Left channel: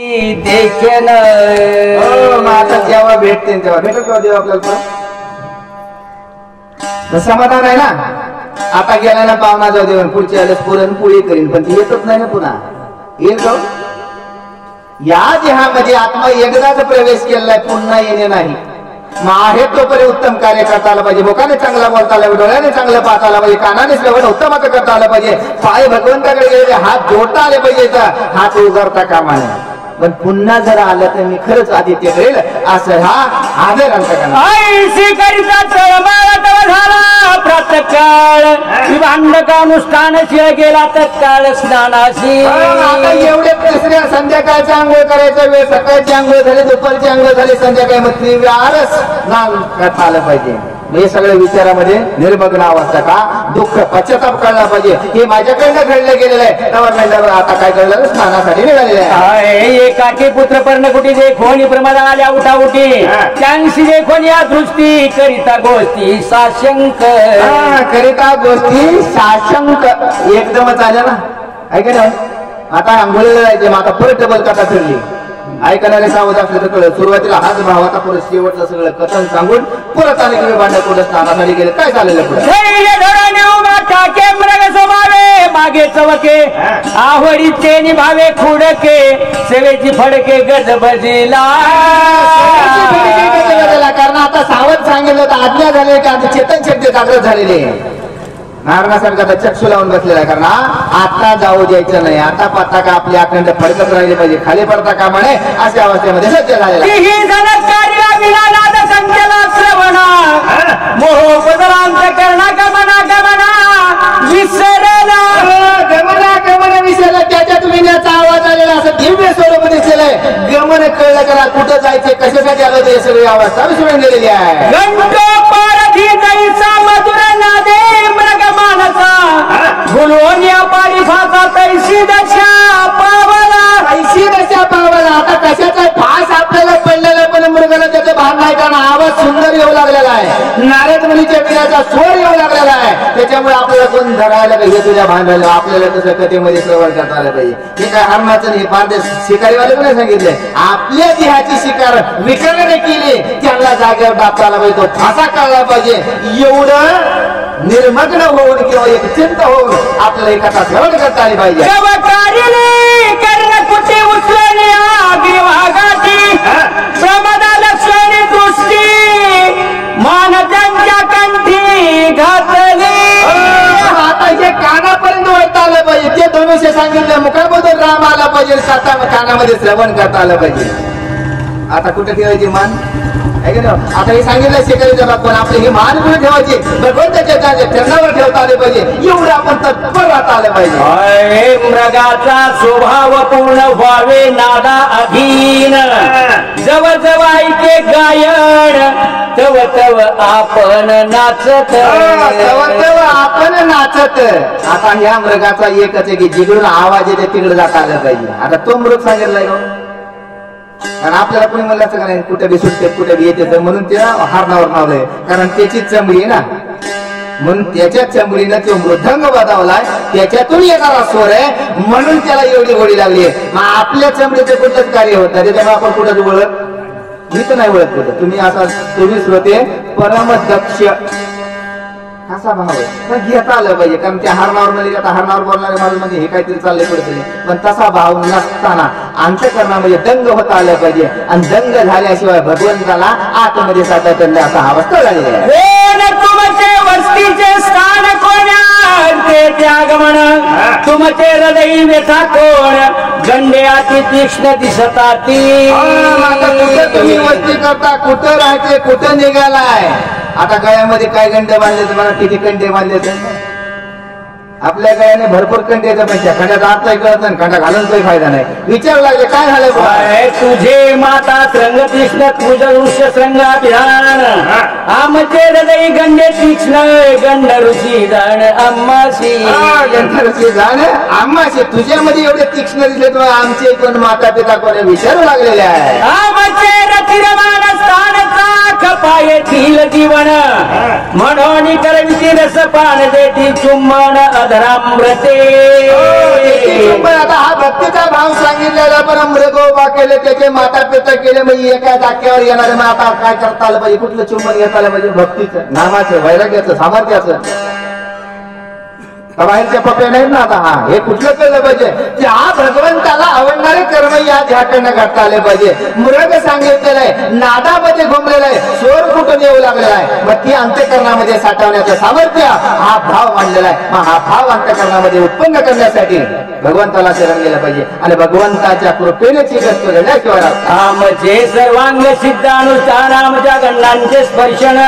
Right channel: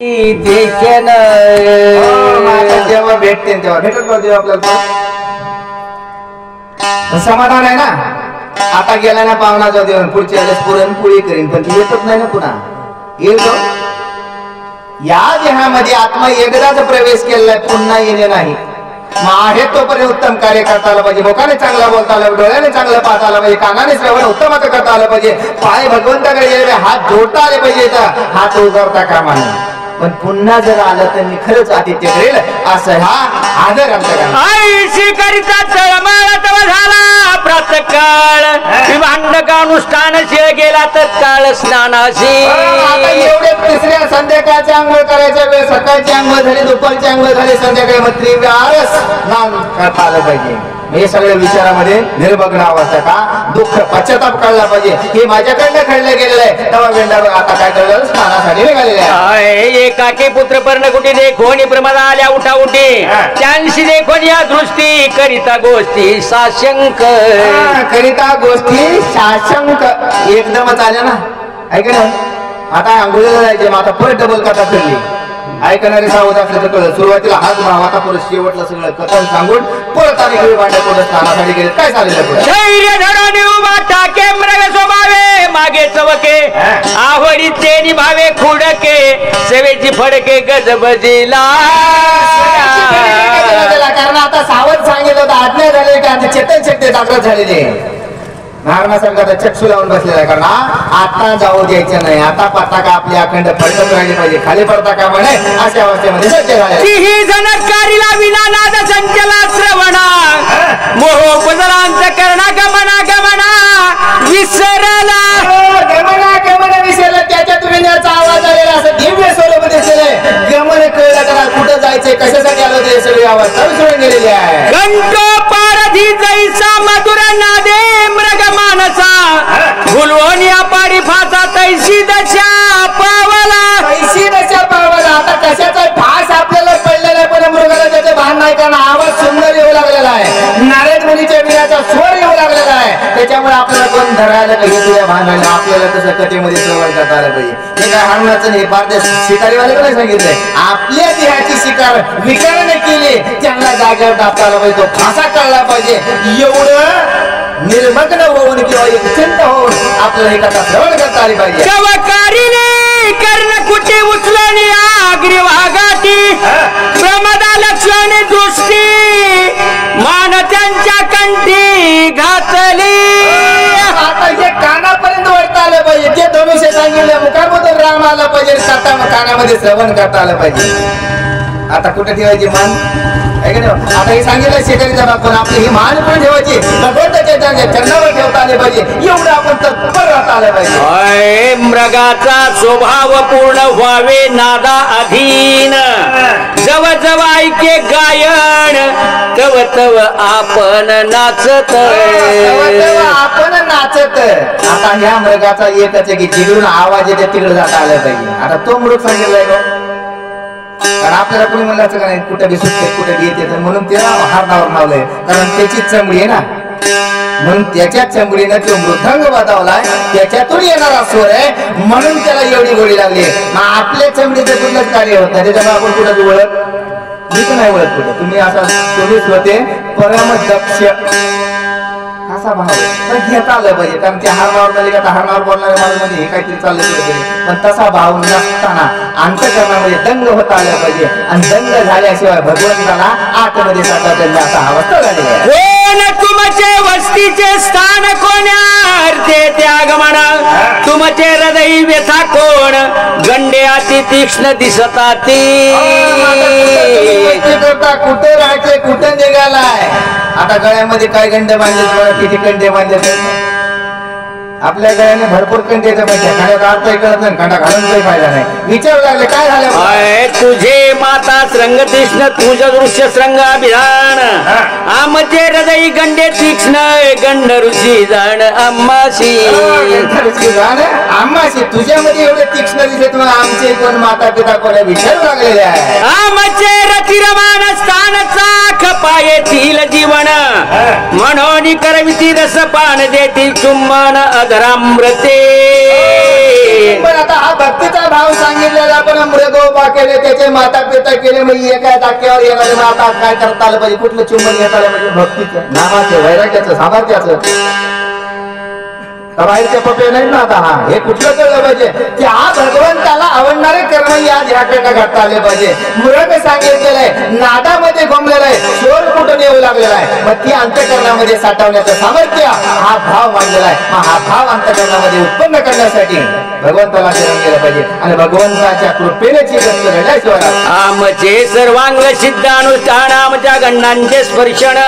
देखील जेव्हा भेटते तेव्हा भेटत देव आपल्याला समाधान आहे ना. आता गेला ना पाहुणा जाऊ देऊन पुढच्या वेळेस पुरणपोळी करीन पण ती येतच नाही ना पुन्हा येईल तो. या देहामध्ये आत्मा एकदाच प्रवेश केलेला पुन्हा येणे नाही. मग आहे तोपर्यंत उत्तम कार्य करता आलं पाहिजे. बोकाने चांगला बोलता आलं, डोळ्याने चांगलं पाहता आलं पाहिजे, कानाने श्रवण उत्तमाचं करता आलं पाहिजे, पाय भगवंताकडे गेले हात जोडता आले पाहिजे, हात उगारता कामा नये. पण पुन्हा जर आलं तर मी खरंच आदित्य करेल असं हा आदर अंतकरणा प्रतकाळ भांडकानुष्ठान शिळ गेला तत्काळ स्नानाशी. आता एवढे तिसऱ्या संध्याकाळची आंघोळ करायचा वेळ, सकाळची आंघोळ झाली, दुपारची आंघोळ झाली, संध्याकाळी मग त्रिवारच स्नान करता आलं पाहिजे. हे सगळ्या विचारामध्ये निर्मग्न अवस्था का दुःख पश्चाताप कळला पाहिजे. हे माझ्याकडनं घडलं गेलेलं आहे. तेव्हा वेळेला आता काय कळलं स्नानासाठी निघालेलं आहे. एकाकी पुत्र पर्णकुटी देखोनी प्रमाद आल्या उठाउठी त्यांशी देखोन या दृष्टी करिता गोष्टी साशंक करिता गोष्टी साशंक एकदमच आल्या ना ऐका ना. आता आंघोळीला जायचे मग आता परत डबल कथा ठरली. ऐकणारे सावध असले तर कळलं. सुरुवातीला हाच भाव आता परत शेवटला सगळं कथन सांगून परत आणि किंवा भांड्या कोण स्नानासाठी गेले काय चाललेलं पुढे मागे चवके आवडीचे निभावे खुडके सेवेची फडके गजबजीला. कारण आता सावध सांगितलं होतं आज्ञा झाली का चेतन शक्ती जागृत झालेली नागनासारखा चक्षु लावून बसलेला आहे. कारण आता जाऊ द्यायचं नाही. आता पत्ता का आपली अखंड फडकत राहिली पाहिजे, खाली पडता का म्हणे अशा अवस्थेमध्ये सज्ज झाले. विसरला त्याच्यात विण्याचा आवाज आलेला असं दिव्य स्वरूप दिसलंय. गमन कळलं करा कुठं जायचंय कशासाठी आलं ते सगळी अवस्था विसरून गेलेली आहे. मधुर नादे मृग मानसा गुलवनिया पारी फासा तैशी दशा पावला. तैशी दशा पावला. आता कशाचा फास आपल्याला पडलेला आहे पण मृगाला त्याचे भान नाही. कारण आवाज सुंदर येऊ लागलेला आहे. नारद मुनीच्या विनाचा स्वर येऊ लागलेला आहे. त्याच्यामुळे आपल्याला कोण धरायला हे तुझ्या भान राहिलं. आपल्याला तसं कथेमध्ये श्रवण करता आलं पाहिजे. हे काय हरणाचं नाही पार शिकारीवाल्याला नाही सांगितलंय. आपल्या देहाची शिकार विकाराने केली त्यांना जागेवर टाकता आला पाहिजे. तो फासा काढला पाहिजे. एवढं निर्मग्न होऊन किंवा एक चिंता होऊन आपल्याला ही कथा श्रवण करता आली पाहिजे. कर्ण कुठे उचलली आगरी वागाती प्रमदा लक्ष्मी दृष्टी मान त्यांच्या कंठी घातली. आता हे कानापर्यंत वाटता आलं पाहिजे. ते धनुष्य सांगितलं मुखामधून राम आला पाहिजे. साता कानामध्ये श्रवण करता आलं पाहिजे. आता कुठे ठेवायची मान आता हे सांगितलं शेजारीचा बाप पण आपली ही मान कुठे ठेवायची भगवंताच्या चरणावर ठेवता आले पाहिजे. एवढं आपण तत्पर राहता आलं पाहिजे. मृगाचा स्वभाव पूर्ण व्हावे नादा अधीन जव जव ऐके गायन तव तव आपण नाचत आपण नाचत. आता ह्या मृगाचा एकच की जिकडून आवाज येते तिकडे जाता आलं पाहिजे. आता तो मृग सांगितलाय कारण आपल्याला कोणी म्हणलं असं का नाही कुठं बी सुटते कुठं बी येते म्हणून त्या हारणावर नावलंय. कारण त्याची चमडी आहे ना म्हणून त्याच्या चमडीनं तो मृदंग वाजवलाय. त्याच्यातून येणारा स्वर आहे म्हणून त्याला एवढी गोडी लागली. मग आपल्या चमडीचं कुठलंच कार्य होत नाही. त्याच्यामुळे आपण कुठं ओळख मी तर नाही ओळख कुठं. तुम्ही असा पोलीस होते परम दक्ष असा भाव पण घेता आलं पाहिजे. कारण त्या हारणावर म्हणले का हारणावर बोलणारे माझं म्हणजे हे काहीतरी चाललं पण तसा भाव नसताना अंतकरणामध्ये दंग होता आलं पाहिजे. आणि दंग झाल्याशिवाय भगवंताला आतमध्ये साठायचं नाही असा अवस्था झालेला आहे. तुमचे वस्तीचे स्थान कोण्या त्यागमन तुमचे हृदय व्यथा कोण गंडे अति तीक्ष्ण दिसताती. तुम्ही वस्ती करता कुठं राहायचंय कुठं निघालाय. आता गळ्यामध्ये काय गंड बांधले तुम्हाला किती कंडे बांधले तर आपल्या गळ्याने भरपूर कंडे पाहिजे. खड्यात आता कळत नाही खडा घालून काही फायदा नाही. विचार लागले काय झालं तुझे माता श्रंग तीक्ष्ण तुझ दृश्य श्रंग अभिधान आमचे हृदय गंडे तीक्ष्ण गंड ऋषी जाण अम्माशी. ऋषी जाण अम्माशी तुझ्यामध्ये एवढे तीक्ष्ण दिसले तुम्हाला आमचे कोण माता पिता कोणा विचारू लागलेले आहे. आमचे रथिरमान स्थानचा खपा येथील जीवन म्हणून करविती रस पान देती चुंबन अधरामृते. पण आता हा भक्तीचा भाव सांगितलेला पण मृगोपा केले त्याचे माता पिता केले म्हणजे एका टाक्यावर येणारे मग आता काय करता आलं पाहिजे कुठलं चुंबन घेता आलं पाहिजे भक्तीचं नामाचं वैराग्याचं सामर्थ्याचं बाहेरचे पप्पे नाही ना आता हा हे कुठलं कळलं पाहिजे की हा भगवंताला आवडणारे कर्म या ध्याकडनं घडता आले पाहिजे मृग सांगितलेलं आहे नादामध्ये घुमलेला आहे शोर कुठून येऊ लागलेला आहे मग ती अंतकरणामध्ये साठवण्याचं सामर्थ्य हा भाव मांडलेला आहे मग हा भाव अंतकरणामध्ये उत्पन्न करण्यासाठी भगवंताला करून गेलं पाहिजे आणि भगवंताच्या कृपेने चिकट रडल्याशिवाय आमचे सर्वांग सिद्ध अनुष्ठान आमच्या गण्णांचे स्पर्शन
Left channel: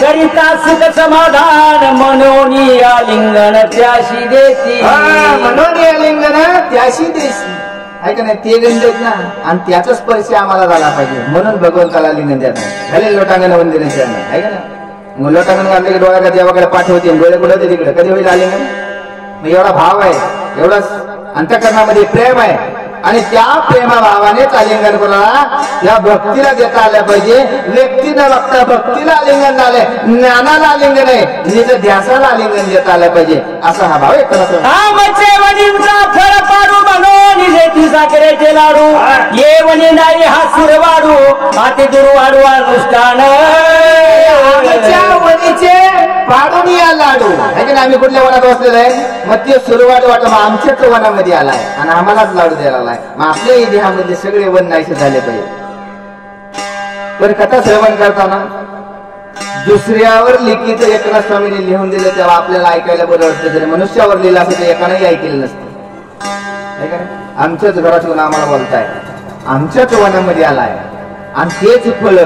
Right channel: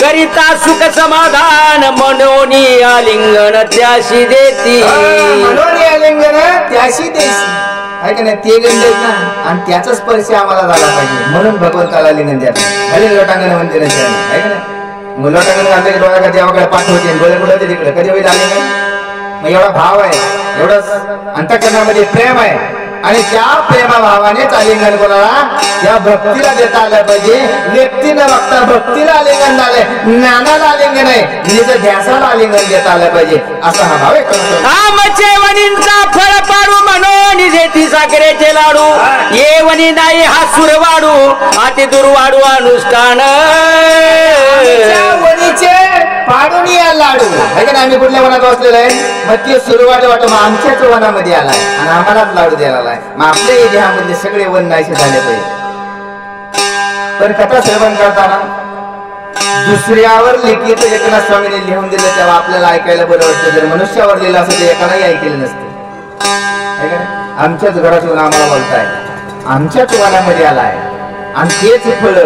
करिता सुख समाधान मनोनी आलिंगन त्याशी देती मनोनी आलिंगन त्याशी देती आहे का नाही ते गंध ना आणि त्याचा स्पर्श आम्हाला झाला पाहिजे म्हणून भगवंताला लिंगन द्या खाली लोटांगण वंदन आहे का नाही मग लोटांगण घातलं की डोळ्याला देवाकडे पाठवते डोळे कुठे तिकडे कधी होईल आले नाही मग एवढा भाव आहे एवढं अंतकरणामध्ये प्रेम आहे आणि त्या प्रेमाभावानेच आलिंगन कोणाला या भक्तीला देता आलं पाहिजे व्यक्तीनं बघता भक्तीला आलिंगन झालंय ज्ञानाला आलिंगन आहे निज ध्यासाला आलिंगन देता आलं पाहिजे असा हा भाव आहे आमचे वडींचा फळ पाडू म्हणून देती साखरेचे लाडू ये वनी नाही हा सुर वाढू आते दुर्वाडू अनुष्ठान वनीचे पाडून या लाडू आहे का आम्ही कुठल्या वनात बसलेलो आहे मग ते सुरवाट वाटो मग आमच्याच वनामध्ये आलाय आणि आम्हालाच लाडू द्यायला आलाय मग आपल्या देहामधले सगळे वन नाहीसे झाले पाहिजे पण कथा सेवन करताना दुसऱ्यावर लिखित एकनाथ स्वामीने लिहून दिलं तेव्हा आपल्याला ऐकायला बरं वाटतं जर मनुष्यावर लिहिलं असं ते एकालाही ऐकलेलं नसतं आमच्याच घरात येऊन आम्हाला बोलताय आमच्याच वनामध्ये आलाय आणि तेच फळ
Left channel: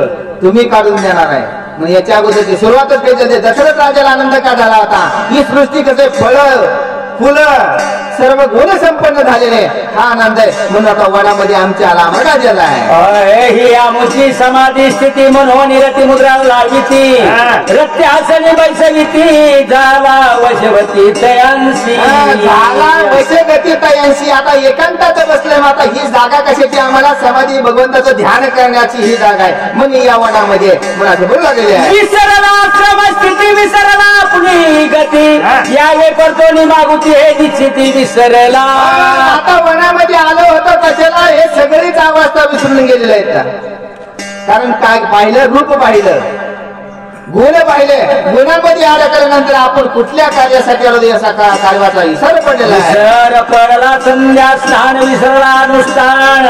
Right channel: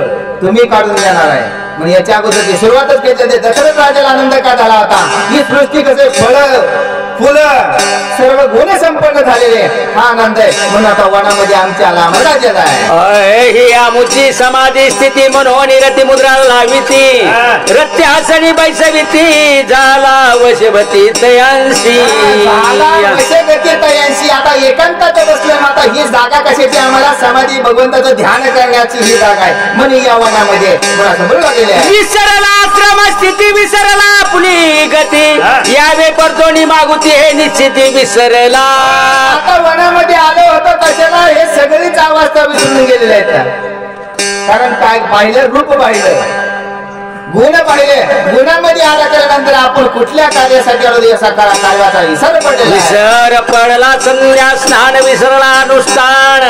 तुम्ही काढून देणार आहे म्हणजे याच्या अगोदरची सुरुवातच केली दशरथ राजाला आनंद का झाला होता ही सृष्टी कसे फळ फुलं सर्व गुण संपन्न झालेले हा आनंद आहे म्हणून आता वनामध्ये आमच्या आला आम्हाला राज्याला आहे ही आमुची समाधी स्थिती म्हणून रती मुद्रा लाविती रत्य हसणी बैसविती झाला वशवती तयांशी झाला वशवती तयांशी आता एकांतात बसले आता ही जागा कशाची आम्हाला समाधी भगवंताचं ध्यान करण्याची ही जागा आहे म्हणून या वनामध्ये मला समोर लागलेले आहे विसरला क्रमस्थिती विसरला आपली गती यावे करतो मागुती हे निश्चिती विसरला आता वनामध्ये आलो होतं कशाला हे सगळीच अवस्था विसरून गेलेल्या आहेत कारण काय पाहिलं रूप पाहिलं गुण पाहिले गुणामध्ये आल्यानंतर आपण कुठल्या कार्यासाठी आलो याचा कार्याचा विसर पडलेला विसर पडला संध्या स्नान विसरला अनुष्ठान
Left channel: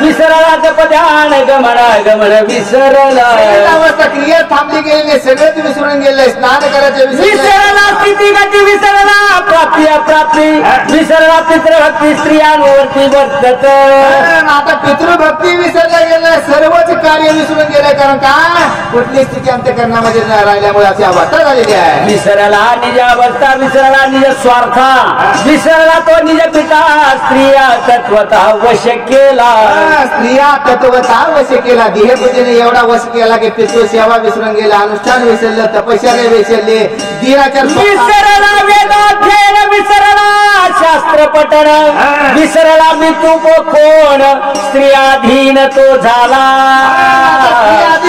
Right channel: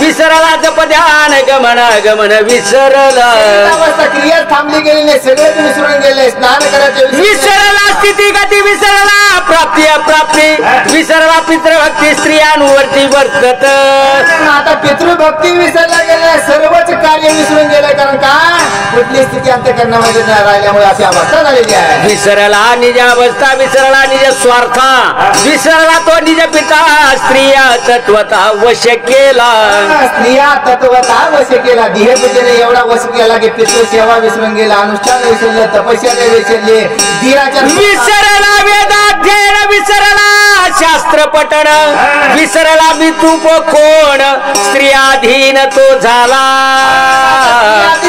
विसरला जप ध्यान गमन गमन विसरला अवस्था क्रिया थांबली गेली नाही सगळं विसरून गेले स्नान करायचे विसरला स्थिती गती विसरला प्राप्ती अप्राप्ती विसरला पितृभक्ती स्त्रियांवरती वर्तत आता पितृभक्ती विसरला गेलं सर्वच कार्य विसरून गेलं कारण काय कुठली स्थिती अंतःकरणामध्ये राहिल्यामुळे अशी अवस्था झालेली आहे विसरला निज अवस्था विसरला निज स्वार्था विसरला तो निज पिता स्त्रिया तत्वता वश केला स्त्रिया तत्वता वश केला देहबुद्धीने एवढा वश केला की पितृसेवा विसरून गेला अनुष्ठान विसरलं तपश्चर्या विसरले दिनाचार विसरला वेदाध्ययन विसरला शास्त्र पठण विसरला मी तू कोण स्त्रियाधीन तो झाला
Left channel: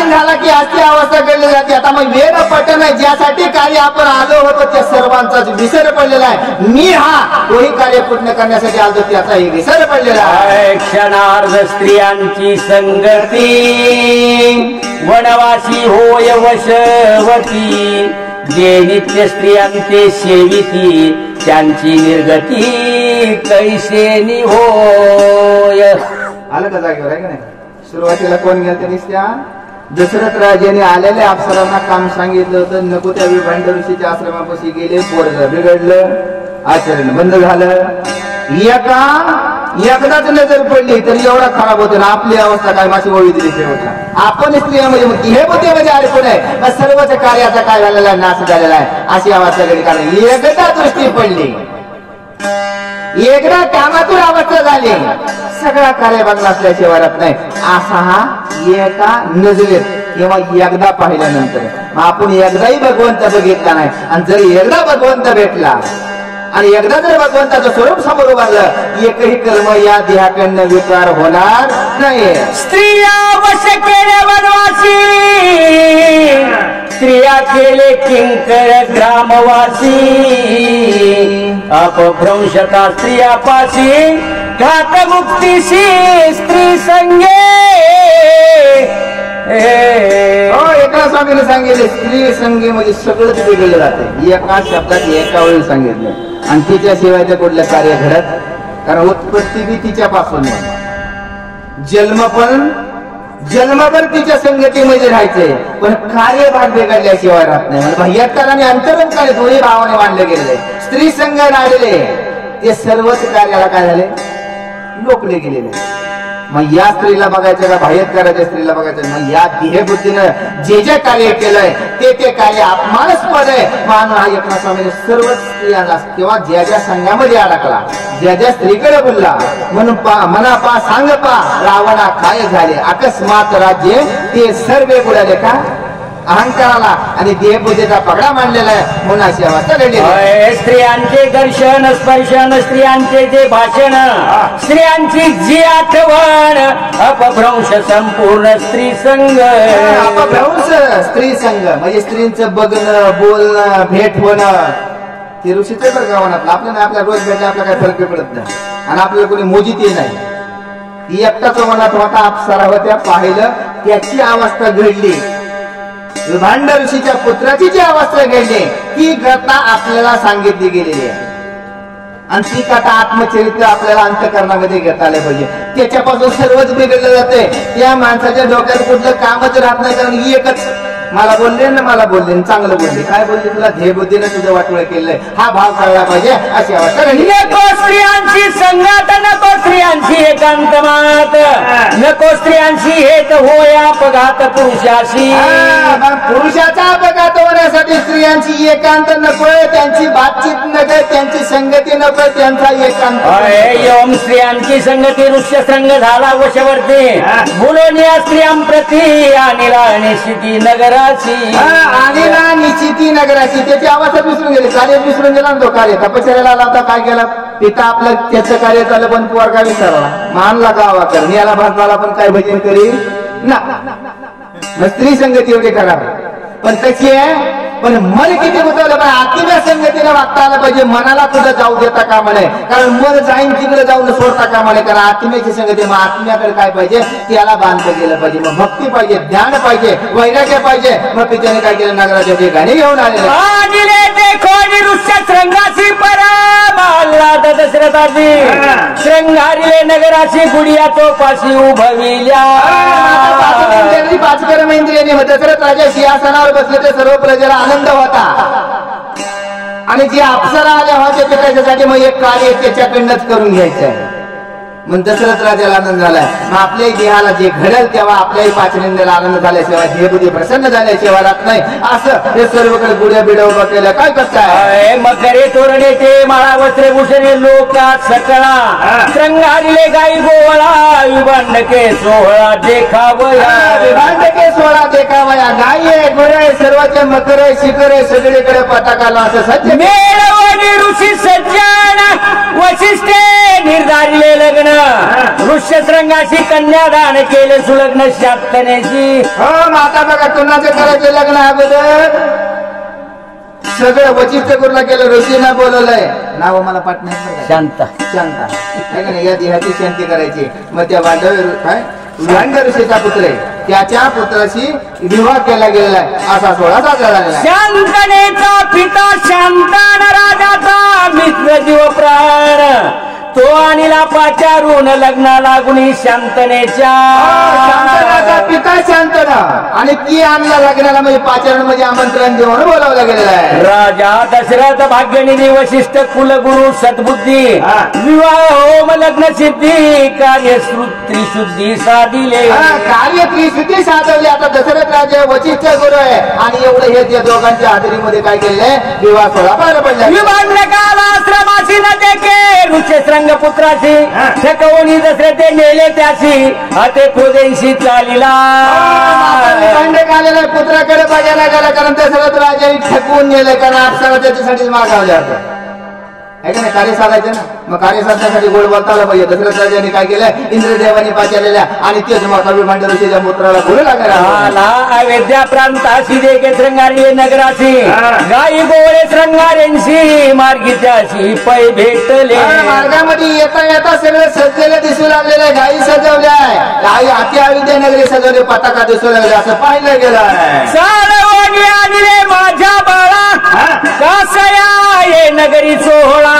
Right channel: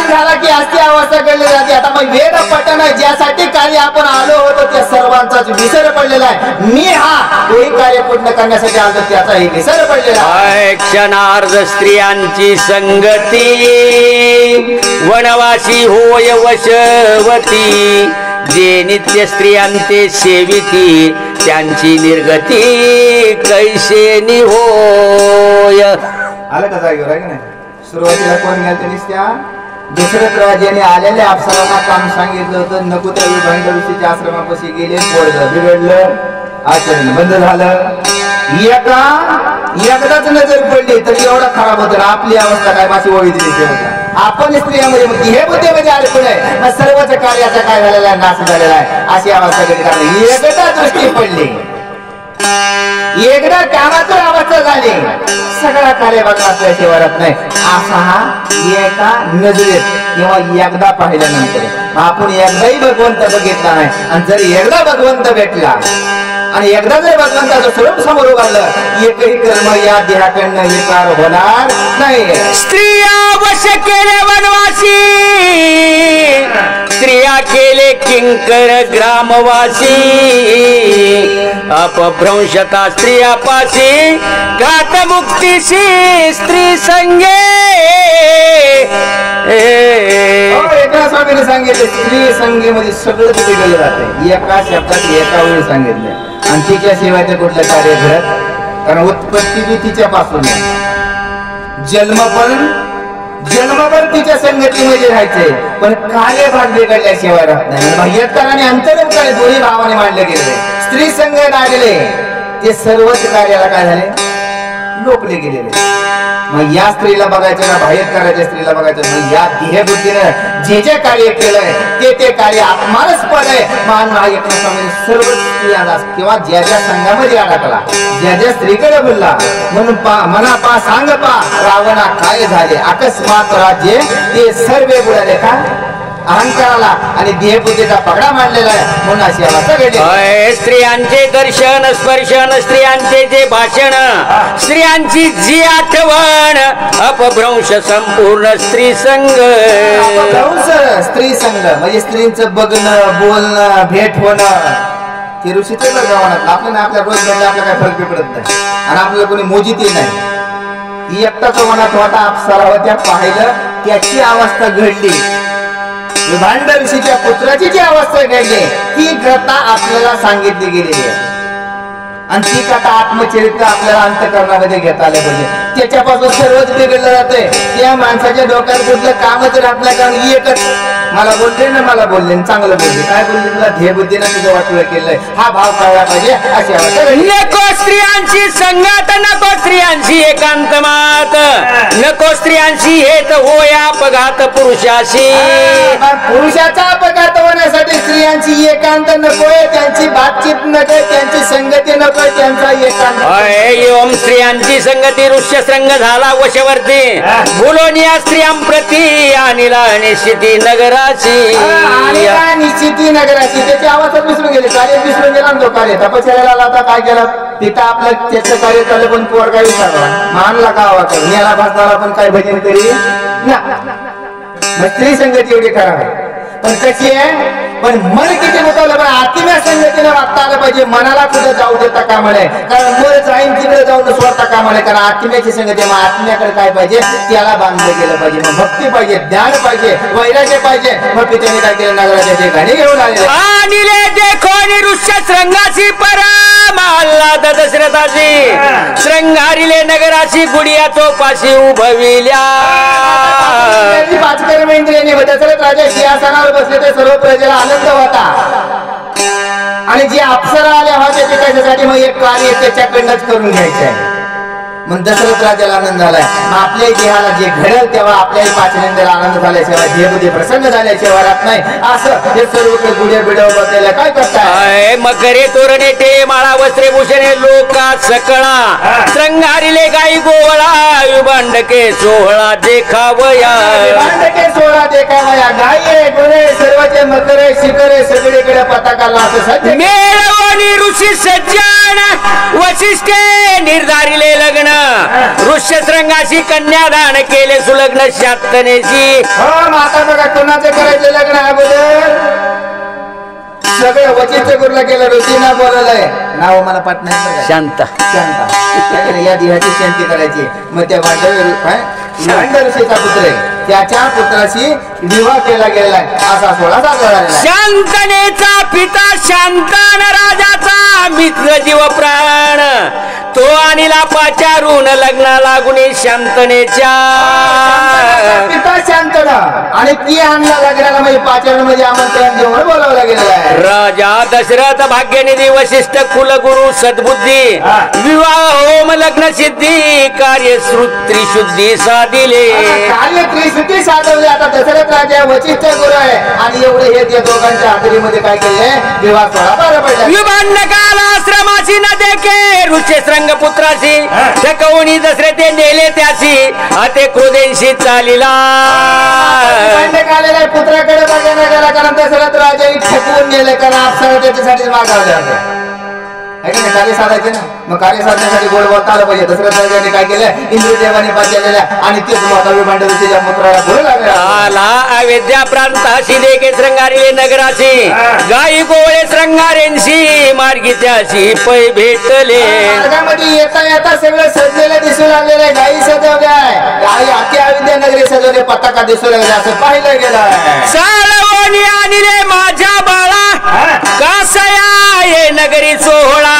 झाला की अशी अवस्था घडली जाते आता मग वेद पठण ज्यासाठी कार्य आपण आलो होतो त्या सर्वांचाच विसर पडलेला आहे मी हा कोणी कार्य पूर्ण करण्यासाठी आलो त्याचाही विसर पडलेला आहे क्षणार्ध स्त्रियांची संगती वनवासी होय वशवती जे नित्य स्त्रियांचे सेविती त्यांची निर्गती कैसेनी होय आलं का जागेवर आहे की नाही सुरुवातीला कोण गेलं ते निसत्या दशरथ राजाने आलेल्या अप्सरांना काम सांगितलं होतं नको त्या विभांड ऋषीच्या आश्रमापाशी गेले पोरग बिघडलं आचरण बंद झालं एकदाच नजर पडली तर एवढा खराब होतं ना आपली अवस्था काय माझी वळी दिली होता आपण स्त्रियांमध्ये हे बुद्धीमध्ये अडकून आहे मग सर्वच कार्याचा काय झालेला आहे नाश झालेला आहे अशी अवस्था घडली कारण एकदा दृष्टी पडली एकदा कामातून अवस्था झाली सगळा कार्य बघण्याशिवाय राहत नाही असा हा एका नजरेत किंवा एकदा पाहिल्यानंतर मग आपण एकदाही भगवंत बघितला नाही आणि जर एकदा भगवंत भेटला आणि एकदा जर भगवंताचं स्वरूप समोर उभारलं एकही कर्म या देहाकडनं विकार होणार नाही स्त्रिया वश केले वनवासी स्त्रिया केले किंकर ग्रामवासी अपभ्रंशता स्त्रियापाशी घात मुक्तीशी स्त्री संगे एका स्वामीने सांगितलं स्त्री संगीमध्ये सगळं बिघडलं जाते एका शब्दात एका वेळी सांगितलंय आणि तिच्या शिवाय कुठलं कार्य घडत कारण उत्पत्ती बी तिच्यापासून आहे जन्मभर तिच्या संगतीमध्ये राहायचे पण कार्य भाग बिघडल्याशिवाय राहत नाही बाह्यकार आणि अंतरंकार दोन्ही भावाने मांडले गेलेले स्त्री संघ नाडले ते सर्वच कार्याला काय झाले लोपले गेलेले मग या स्त्रीला बघायचं का बाह्यकाराच्या स्त्रीला बघायचं मग या देहबुद्धीनं जे जे कार्य केलंय ते कार्य अपमानास्पद आहे मान हा एकनाथ स्वामीने सर्व स्त्रियांना किंवा ज्या ज्या संघामध्ये अडकला ज्या ज्या स्त्रीकडे बोलला म्हणून मना पा सांग पा रावणा काय झाले अकस्मात राज्य ते सर्व बुडाले का अहंकाराला आणि देहबुद्धीचा पगडा मांडलेला आहे म्हणून अशी अवस्था घडली स्त्रियांचे दर्शन स्पर्शन स्त्रियांचे जे भाषण स्त्रियांची जी आठवण अपभ्रंश संपूर्ण स्त्री संघ अपभ्रंश स्त्री संघ म्हणजे स्त्रींचं बघणं बोलणं भेट होणं ते ऋषीच गावानातलं आपल्याला आपल्या रोज भेटले आपल्याला काही फरक पडत नाही आणि आपल्याला कोणी मोजितही नाही ती एकटाच मनात होता अप्सरा होत्या पाहिलं त्याची अवस्था घडली विभांड ऋषीच्या पुत्राची जी अवस्था घडली ती कथा आपल्याला सांगितली गेलेली आहे आणि ती कथा आत्मचरित्र आपल्याला अंतःकरणामध्ये घेता आले पाहिजे त्याच्यापासून सर्वच बिघडलं जातंय त्या माणसाच्या डोक्यात कुठलं कामच राहत नाही कारण एकच मला बोलले चांगलं बोलले काय बोलले तुला ध्येयबुद्धीनं तुझं वाटलं केलंय हा भाव कळला पाहिजे अशी अवस्था नको स्त्रियांची संगात नको स्त्रियांची एकांतमात नको स्त्रियांची हेत होया अपघात पुरुषाशी पुरुषाचा अपघात होण्यासाठी स्त्रियांची एकांत नकोय त्यांची बातचीत नकोय त्यांची संगती नकोय त्यांचा एकांत योम स्त्रियांची संगती ऋष्य संघ झाला वशवर्ती बोलोनिया स्त्रियांप्रती अनिला निश्चिती नगर निश्चिती नगराची त्याची अवस्था विसरून गेले कार्य विसरून गेला तो कार्य तपश्चर्याला आला आता काय केलं तिथं आपलं त्याचं कार्य झालं पण पोर काय विचारला मानला गावा कर मी याला भाजनाला पण काय भजन करी ना मग स्त्री संगती एवढी करावी पण कशी आहे पण मन किती होतं पण आत्म्या संगतीने वागता आलं पाहिजे मनाला कुठं जाऊ देता कामा नये कारण मन जाईन तिकडे जाऊन सोडता कामा नये कारण आत्म्याची संगती मग आत्म्याकडे काय पाहिजे त्याला बांधलं गेलं पाहिजे मग भक्ती पाहिजे ज्ञान पाहिजे वैराग्य पाहिजे मग पित्याने काय केलं नगराच्या ठिकाणी घेऊन आलेले दशरथाची श्रंगारीले नगराची गुडिया तोपाशी उभविल्या पाचकर्म इंद्रियाने दशरथ राजा सिंहासनावर बसले ते सर्व प्रजेला आनंद होता आणि जे अप्सरा आल्या होत्या त्याच्यासाठी मग एक कार्य त्याच्याकडनंच करून घ्यायचंय मग दशरथ राजाला आनंद झालाय मग आपल्याही देहाला जे घडेल तेव्हा आपल्याही पाचनेंद्राला आनंद झाल्याशिवाय देहबुद्धी प्रसन्न झाल्याशिवाय राहत नाही असं हे सर्वकडे गुढ्या बिडव बसलेलं काय करताय मकरे तोरणे ते माळा वस्त्रे भूषणे लोका सकळा श्रंगारीले गाई गोवळा विभांडके सोहळा देखावया विभांडके सोहळा देखावया गाई गोळे सर्वचे मकरे शिखरे सगळीकडे पताकाला असं सत्य मेळवाणी ऋषी सज्जन वशिष्ठे निर्धारिले लग्न ऋष्यशृंगाशी कन्यादान केले सुलग्न शांतनेची हो माता बघा कोणाचं करायचं लग्न अगोदर सगळं वचिष्ठ गुरुला केलं ऋषीना बोलवलंय नाव मला पाठणार शांत शांता या देहाची शांती करायची मग त्या भांड ऋषीचा पुत्र आहे त्याच्या पुत्राशी विवाह केला गेलेला आहे असा सोहळा साजरा झालेला आहे शांतनेचा पिता शांतान राजाचा मित्र जीव प्राण तो अनिला पाचारून लग्ना लागुनी शांतनेच्या पिता शांतना आणि ती आणला लग्नाला म्हणजे पाचारण म्हणजे आमंत्रण देऊन बोलावला गेलेला आहे राजा दशरथ भाग्यनिधी वशिष्ठ कुलगुरु सद्बुद्धी विवाह होम लग्न सिद्धी कार्य त्रिशुद्धी साधिले कार्य त्रिशुद्धी साधवले आता दशरथ राजा वशिष्ठ गुरु आहे आणि एवढं हे त्या दोघांच्या हाजरीमध्ये काय केले विवाह सोहळा पार पडला विभांडकाला आश्रमाशी न देखे ऋष्यशृंग पुत्राची थकवणी दसरे ते नेले त्याची अते क्रोधेशी चालिला आलेला पुत्राकडे बघायला गेला कारण दशरथ राजाने ठकवून नेलं कारण अप्सरा त्याच्यासाठीच मागावल्या होत्या आहे का नाही, कार्य साधायचे ना. मग कार्य साधण्यासाठी गोड बोलता आलं पाहिजे. दशरथ राजाने काय केलं, इंद्रदेवाने पाचालेल्या आणि तेच कवी भांडवतीच्या पुत्राला बोलू लागला. अयोध्या प्रांताशी देखे श्रंगारी नगराची गाई गोळे श्रंगारेंशी मार्गीच्याशी पै भेटले. मार्गामध्ये येता येता सगळं सजलेलं दिसू लागलेलं आहे. गाई सजवल्या, गाई आखी अयोध्या नगरी सजवले, पताका दिसू लागले असं पाहिलं गेलं. साळवणी आली रे माझ्या बाळा कसया ये नगरी सोहळा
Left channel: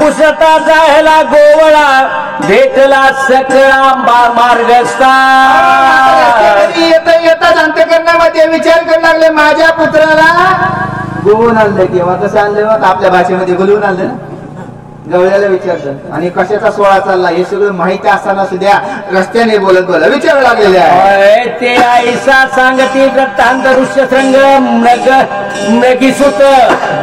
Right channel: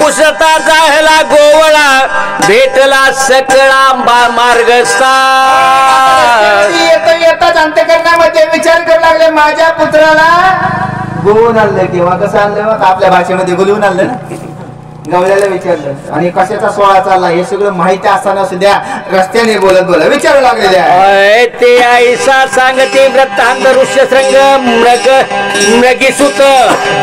पुसता जाहला गोवळा भेटला सकळा मार्गस्था. येता येताच अंतकरणामध्ये विचार करू लागले माझ्या पुत्राला बोलून आणलं किंवा कसं आणलं, मग आपल्या भाषेमध्ये बोलवून आणलं ना. गवळ्याला विचारलं आणि कशाचा सोहळा चालला हे सगळं माहिती असताना सुद्धा रस्त्याने बोलत बोलत विचारू लागलेले आहे. ते आईसा सांगते वृत्तांत ऋष्यशृंग मृगी सुत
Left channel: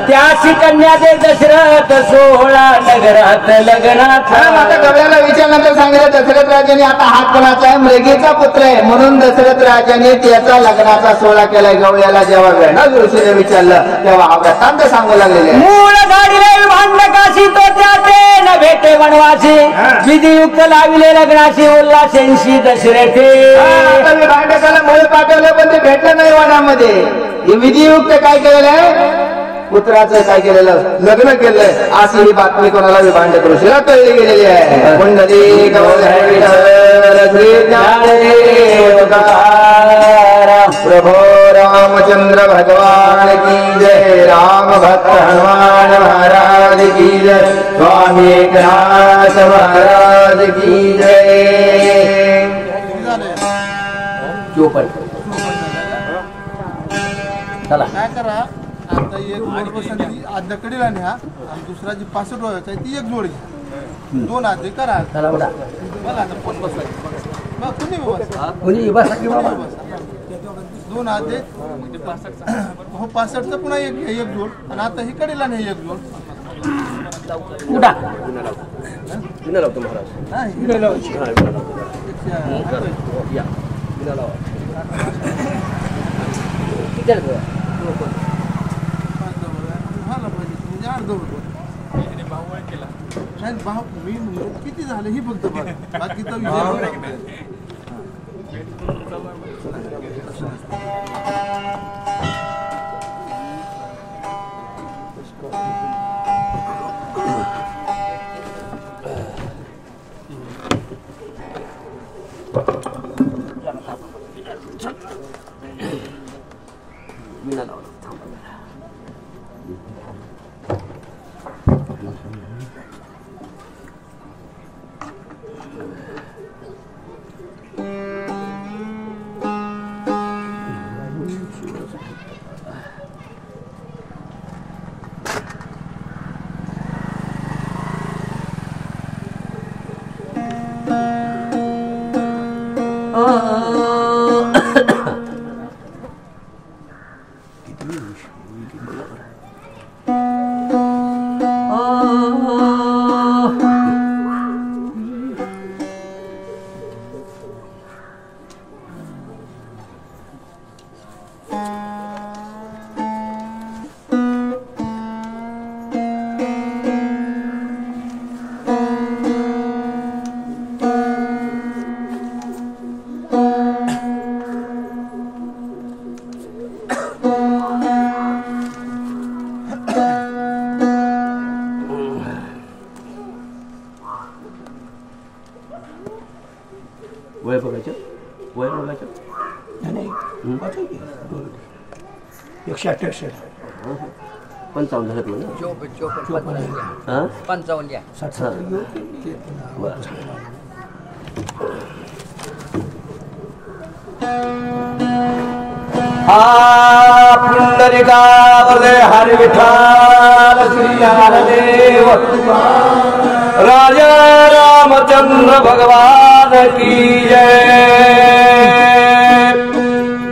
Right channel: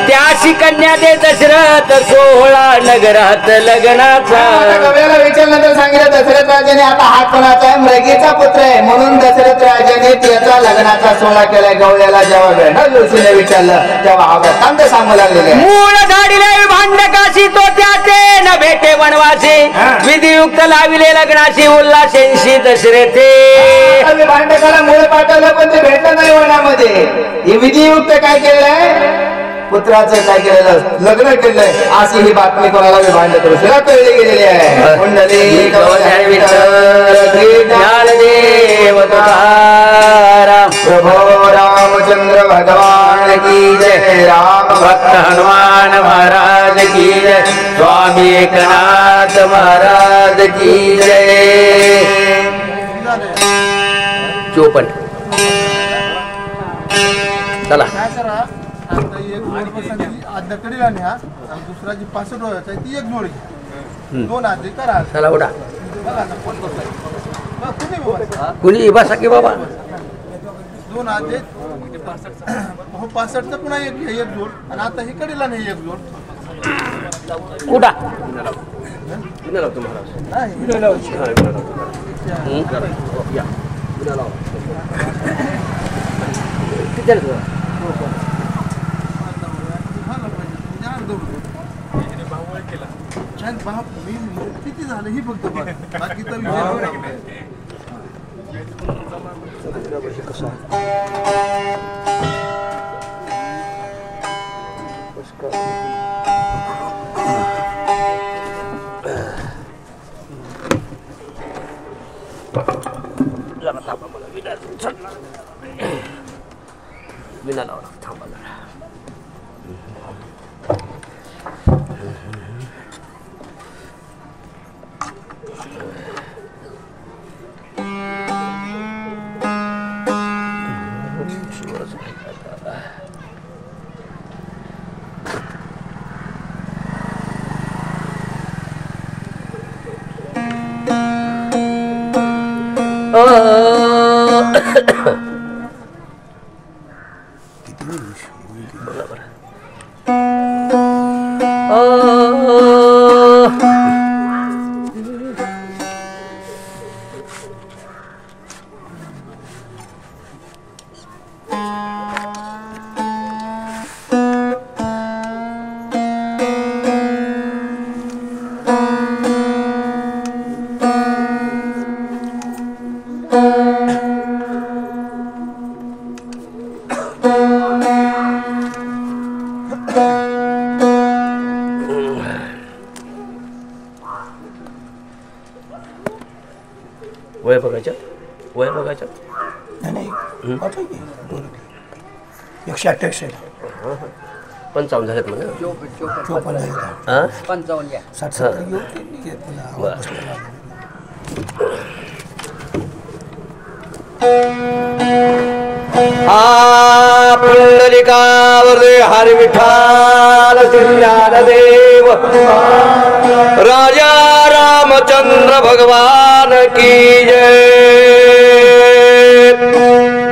त्याशी कन्या दे दशरथ सोहळा नगरात लग्नाचा. गवळ्याला विचारल्यानंतर सांगितलं दशरथ राजाने आता हा कोणाचा आहे, मृगीचा पुत्र आहे म्हणून दशरथ राजाने त्याचा लग्नाचा सोहळा केलाय. गवळ्याला जेव्हा गंडा ऋषीने विचारलं तेव्हा हा वृत्तांत सांगू लागलेले भेटे वनवासी विधियुक्त लाविले लग्नाची उल्हासेंशी दशरथे. भांडकाला मुळे पाठवलं पण ते भेटलं नाही वनामध्ये. हे विधियुक्त काय केलंय, पुत्राचं काय केलेलं लग्न केलंय अशी ही बातमी कोणाला भांडक ऋषीला कळली गेलेली आहे. मंडळी प्रभो रामचंद्र भगवान की जय. राम भक्त हनुमान महाराज की जय. स्वामी एकनाथ महाराज की जय. 54 चला दुसरा जी 65 डोळ्याचा आहे ती एक जोडी 2 आधी करा. चला उडा कुणी बसा की बाबा 2 आधी हो 65चं पुन्हा एक जोड आणि आता हे कडेला नाही एक जोड उडा किती झालं ही फक्त बाकीचा विषय वय बघायचं वय बघायचं नाही 128 55 झालेत म्हणा 55 घ्या 60 पुंडलिकावर हरी विठ्ठल श्री ज्ञानदेव राजा रामचंद्र भगवान की जय.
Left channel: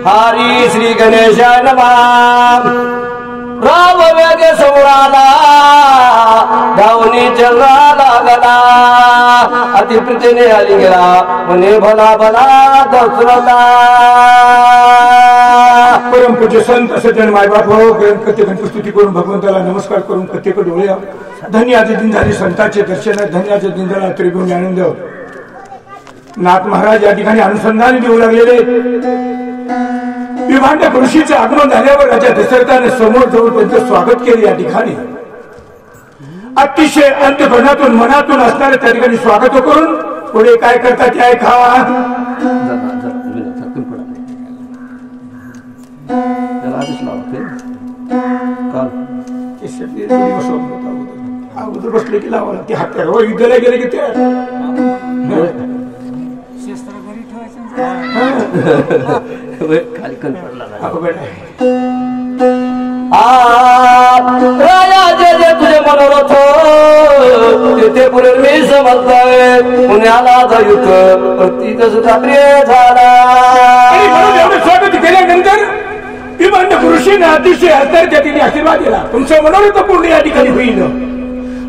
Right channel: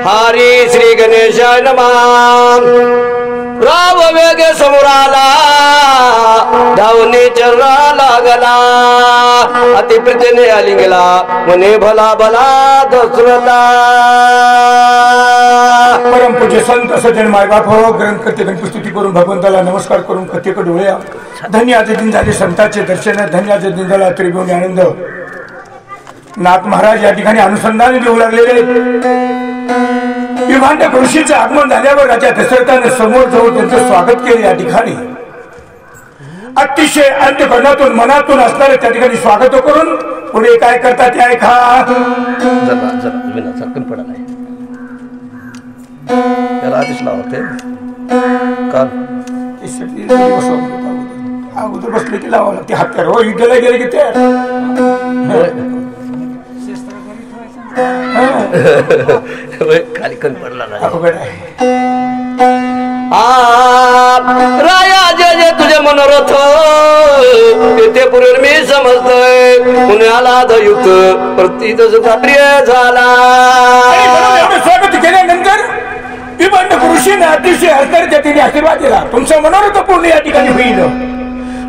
हरी श्री गणेशाय नमः. राम वेग समोराला धावणे चलना लागला अतिप्रीतीने आलिंगला म्हणे भला भला दशरथा. परमपूज्य संत सज्जन मायबाप हो, ग्रंथ कथेकन पुस्तुती करून भगवंताला नमस्कार करून कथेकडे डोळ्या. धन्य आजचे दिन झाले संतांचे दर्शन, धन्य आजचे दिन झाला त्रिभुवन आनंद. नाथ महाराज या ठिकाणी अनुसंधान देऊ लागलेले. विभांडक ऋषीचं आगमन झाल्यावर राजा दशरथानं समोर जाऊन त्यांचं स्वागत केले. या ठिकाणी अतिशय अंतःकरणातून मनातून असणारे त्या ठिकाणी स्वागत करून पुढे काय करतात ते ऐका. त्याला आधीच लावते अगोदर बसले की लावा लागते हात हो युद्धाला गेले की ते खाली कण पडला नाही. अवघड आहे. राया जे जे तुझे मनोरथ ते पुढे मी समजतोय. पुण्याला दयुत प्रतीत कार्य झाला. आणि म्हणून एवढं स्वागत केल्यानंतर विभांडक ऋषीने अतिशय हस्ताच्या तिने आशीर्वाद दिला. तुमचं मनोरथ पूर्ण या ठिकाणी होईल,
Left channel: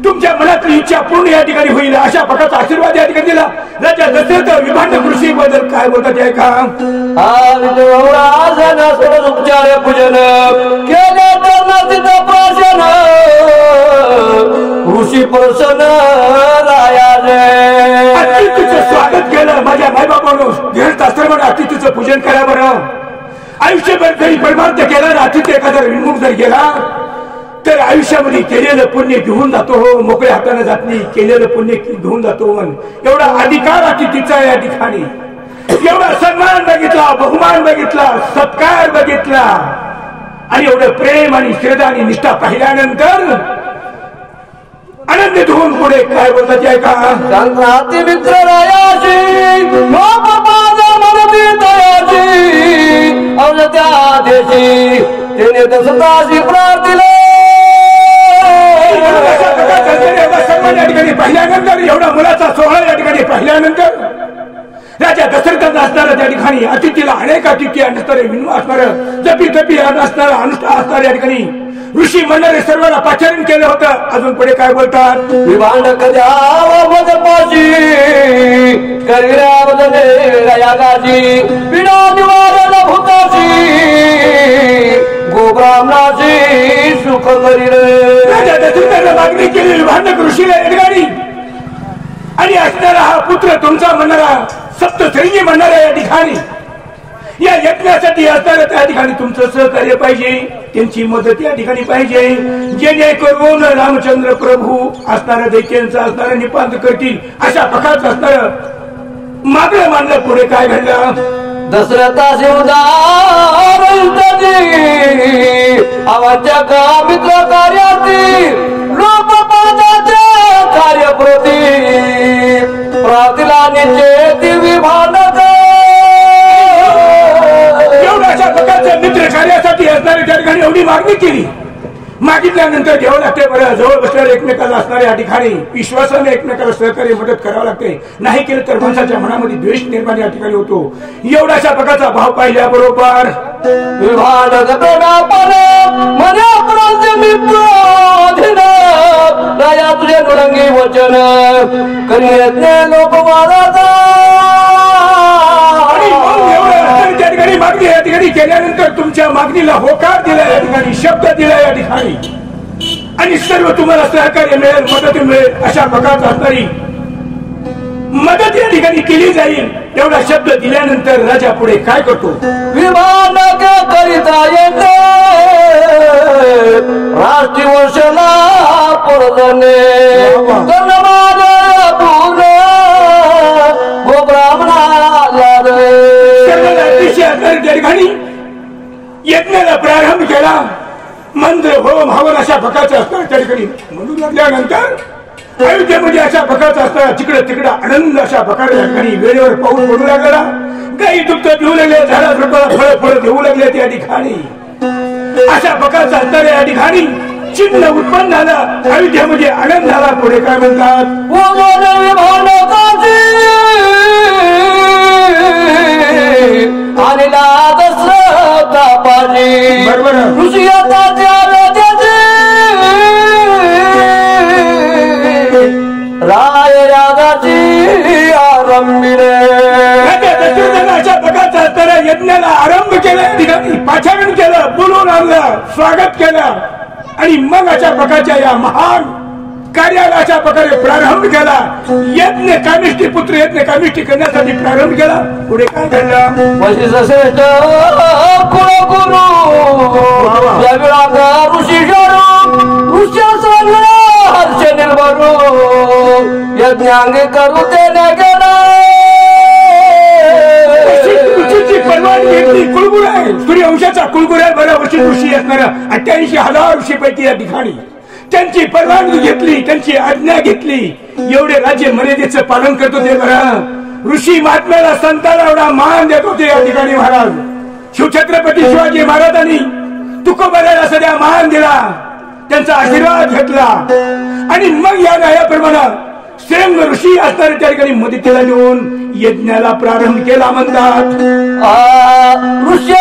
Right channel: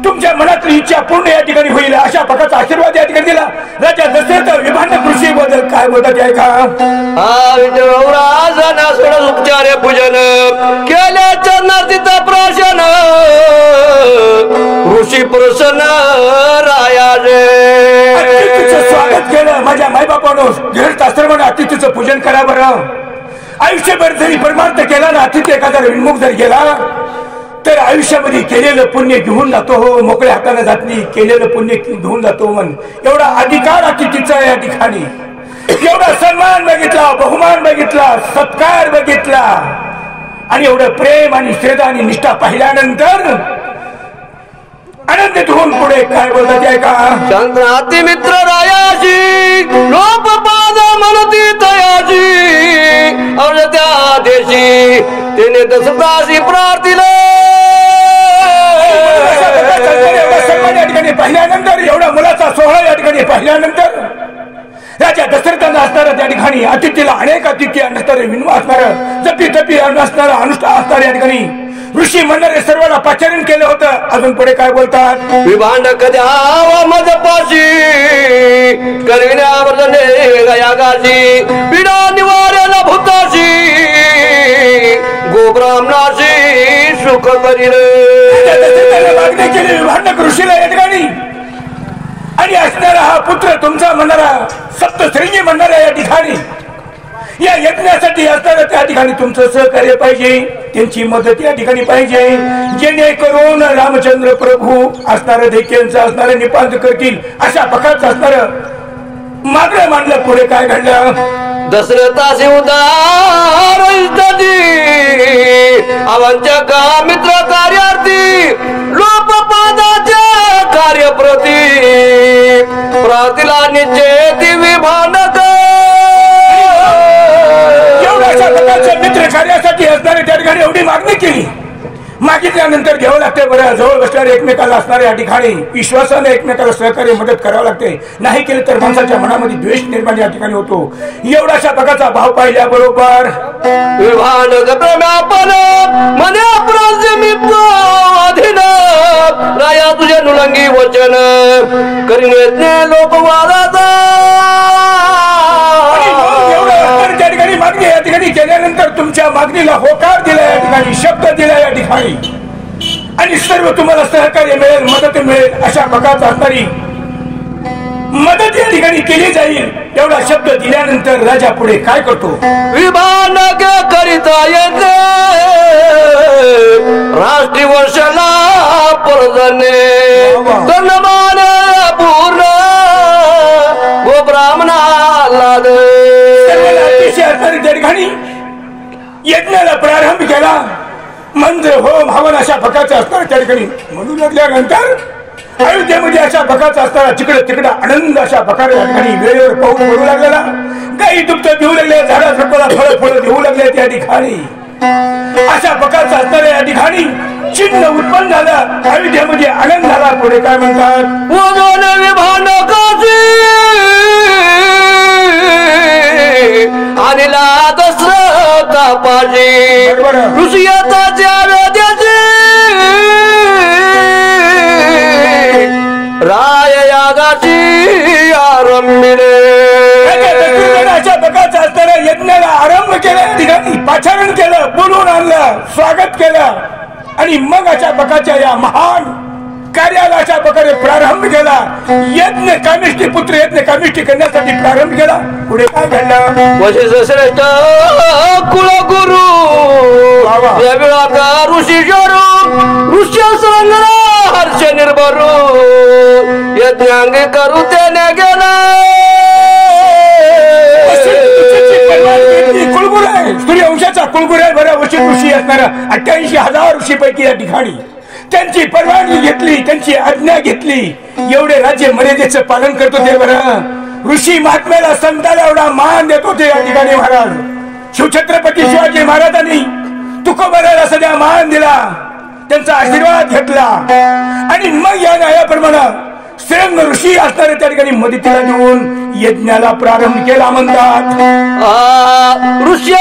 तुमच्या मनातली इच्छा पूर्ण या ठिकाणी होईल अशा प्रकारचा आशीर्वाद या ठिकाणी दिला. राजा दशरथ विभांडक ऋषी बद्दल काय बोलतात ऐका. उपचार पूजन केल्या चरणातीचा प्राशन ऋषी प्रसन्न रायाने अतिथीचं स्वागत केलं. माझ्या मायबापानं गृहस्थाश्रमानं अतिथीचं पूजन करा बरं. आयुष्यभर जरी परमार्थ केला ना, अतिथी एखादा विमुख जर गेला तर आयुष्यामध्ये केलेलं पुण्य घेऊन जातो. हो, मोकळ्या हाताने जात नाही, केलेलं पुण्य घेऊन जातो. मन एवढा अधिकार अतिथीचा या ठिकाणी, एवढा सन्मान बघितला, बहुमान बघितला, सत्कार बघितला आणि एवढं प्रेम आणि श्रद्धा आणि निष्ठा पाहिल्यानंतर आनंद धुवून पुढे काय बोलतात ऐका. चंद्राती मित्र रायाची लोकपाद मनती तयाची त्या देशी त्याने दशरथाशी प्रार्थिला. एवढा सन्मान या ठिकाणी पाहिल्यानंतर, एवढा मुलाचा सोहळा या ठिकाणी पाहिल्यानंतर राजा दशरथांना असणारं त्या ठिकाणी अतिथीला अनेक अतिथी असणारे विनवा असणारं जपी तपी असणारं अनुष्ठान असणारे या ठिकाणी ऋषी म्हणणारे सर्वांना पाचारण केलं होतं. अजून पुढे काय बोलतात. विभांडक द्यावा मदपाशी करविण्यावरने गयागाची विडा निवाऱ्याला भूताशी गोब्राह्मणाशी सुख करील. राजा दशरथाने मागणी केली विभांडक ऋषीला या ठिकाणी. आणि असणारा हा पुत्र तुमचा म्हणणारा सप्तश्रेणी म्हणणारा या ठिकाणी या यज्ञासाठी असणारा त्या ठिकाणी तुमचं सहकार्य पाहिजे, त्यांची मदत या ठिकाणी पाहिजे, जेणेकरून रामचंद्र प्रभू असणारं देखील असणारं निपात करतील अशा प्रकारचं असणारं मागणं मांडलं. पुढे काय घडलं. दशरथाचे उदार आवाच्या का मित्र कार्यार्थी लोकपादाच्या कार्यप्रती प्रातिला निश्चय विभांडक एवढ्या अशा प्रकारच्या मित्र कार्यासाठी असणारे त्या ठिकाणी एवढी मागणी केली. मागितल्यानंतर घ्यावं लागते. बरं, जवळ बसणारे एकमेकाला असणारे या ठिकाणी विश्वासाने एकमेकाला सहकार्य मदत करावं लागते. नाही केलं तर माणसाच्या मनामध्ये द्वेष निर्माण या ठिकाणी होतो. एवढाशा प्रकारचा भाव पाहिल्याबरोबर विभांडक प्रेमापण मी प्राधीन राया तुझे नुडंगी वचन करिने लोकवादाचा. त्या ठिकाणी मागणी या ठिकाणी केल्यानंतर तुमच्या मागणीला होकार दिला या ठिकाणी, शब्द दिला या ठिकाणी आणि सर्व तुम्हाला सहकार्य मिळेल, मदत मिळेल अशा प्रकारचा असणारी मदत या ठिकाणी केली जाईल. एवढा शब्द दिल्यानंतर राजा पुढे काय करतो. विभांडक करिता येते राष्ट्रीय वर्षला परजने धन्यवाद पूर्ण गो ब्राह्मणाला त्या ठिकाणी यज्ञाला प्रारंभ केला. मंत्र होम हवन अशा प्रकारचे असणार त्या ठिकाणी म्हणू लागल्यानंतर अयोध्येमध्ये अशा प्रकारचा असताना तिकडे तिकडे आनंद अशा प्रकारच्या ठिकाणी वेळेवर पाऊस पडू लागलेला, गाई दुग्ध देऊ लागले, झाडा झुडपाला फळं फळं देऊ लागले. त्या ठिकाणी अशा प्रकारचा असणाऱ्या या ठिकाणी चिन्ह उत्पन्न झालं. अयोध्येमध्ये आनंद झाला. पुढे काय म्हणतात. अशा प्रकारचा असताना यज्ञाला आरंभ केला, पाचारण केलं, बोलवून आणलं, स्वागत केलं आणि मग अशा प्रकारच्या या महान कार्याला अशा प्रकारे प्रारंभ केला. यज्ञ कामिष्ठी पुत्र यज्ञ कामिष्ठी करण्यासाठी प्रारंभ केला. पुढे काय घडलं? वशिष्ठ श्रेष्ठ कुलगुरु या वेळात ऋषी ऋषी हर्ष निर्भरू यज्ञांग करू देण्या गेला. कुलगुरू आहे, सूर्यवंशाचा कुलगुरू आहे बरं. वशिष्ठ ऋषी असणारा 88,000 ऋषीपैकी या ठिकाणी त्यांची परवानगी घेतली, त्यांची आज्ञा घेतली. एवढे राज्य मर्यादेचं पालन करत होते बरं. ऋषी महात्म्याला संताला एवढा मान देत होते या ठिकाणी महाराज. शिवछत्रपती शिवाजी महाराजांनी तुकोबाला सगळ्या मान दिला, त्यांचा आशीर्वाद घेतला आणि मग या न्यायाप्रमाणे श्रेंग ऋषी असणारे त्या ठिकाणी मदतीला देऊन यज्ञाला प्रारंभ केला म्हणतात. ऋषी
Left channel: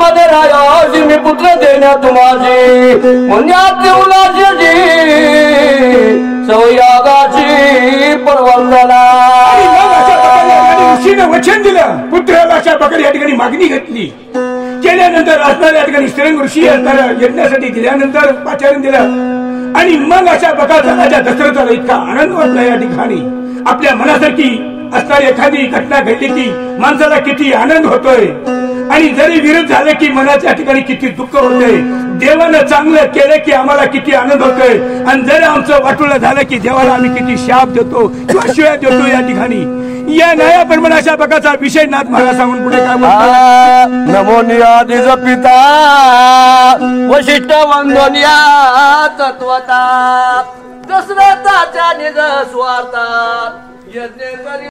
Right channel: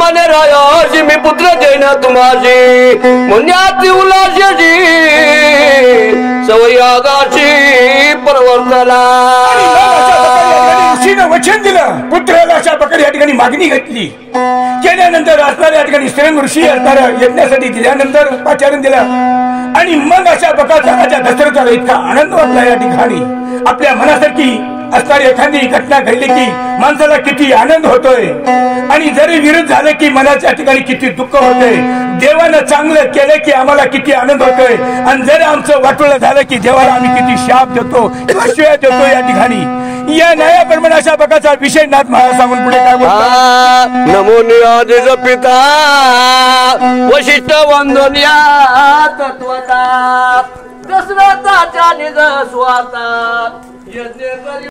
मने रायाशी मी पुत्र देईन तुम्हाशी मुन्यात उलाशी सवयागाची परवर्तला. ऋषीनं वचन दिलं, पुत्राला अशा प्रकारे या ठिकाणी मागणी घेतली. केल्यानंतर असणाऱ्या या ठिकाणी श्रेंग ऋषी असणारा यज्ञासाठी दिल्यानंतर पाचारण दिलं आणि मग अशा प्रकारचा राजा दशरथाला इतका आनंद वाटला या ठिकाणी. आपल्या मनासारखी असणारी एखादी घटना घडली की माणसाला किती आनंद होतोय आणि जरी विरोध झाले की मनाच्या ठिकाणी किती दुःख होतंय. देवानं चांगलं केलं की आम्हाला किती आनंद होतोय आणि जर आमचं वाटोळं झालं की देवाला आम्ही किती शाप देतो किंवा शिव्या देतो या ठिकाणी. या न्यायाप्रमाणे अशा प्रकारचा विषय नाथ महाराज सांगून पुढे काय म्हणतात? नमो नियादिज पिता वशिष्ठ वंदनिया तत्वता दशरथाच्या निज स्वाता